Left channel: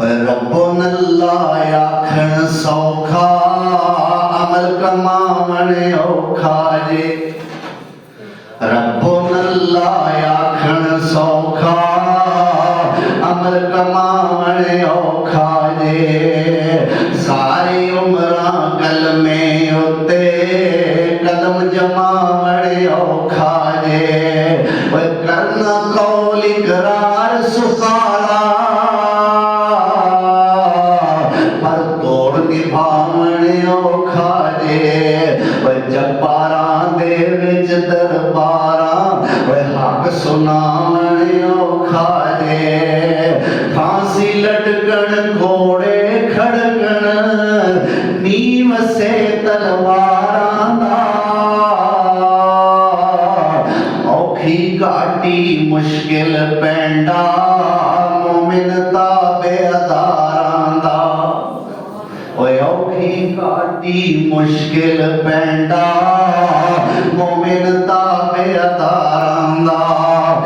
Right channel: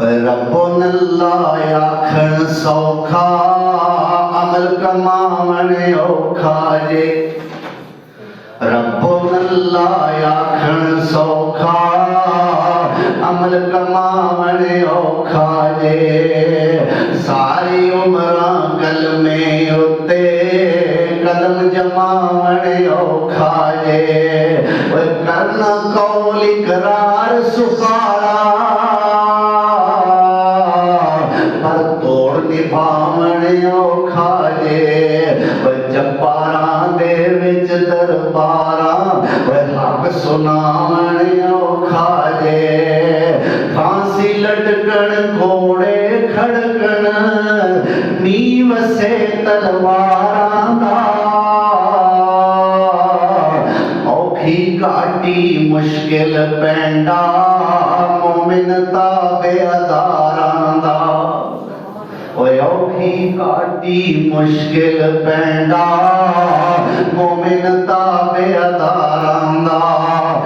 रब्बुन अल्लाह आखण सौखा अमल कमावण औखा जे। रब्बुन अल्लाह आखण सौखा अमल कमावण औखा जे। सारी उम्र गल में उते कदम जमावण औखा जे। करना कौल इकरार सुखारा पर तोड़ निभावण औखा जे। जब्बारां दे विच दरबारां हक सुनावण औखा जे। फांसी लटकण घोड़े खड़कण नीव से तलवारां दा। औखी घाटी मुश्किल पैंडा मोमिन ताबे अदारां दा। औखी घाटी मुश्किल पैंडा मोमिन ता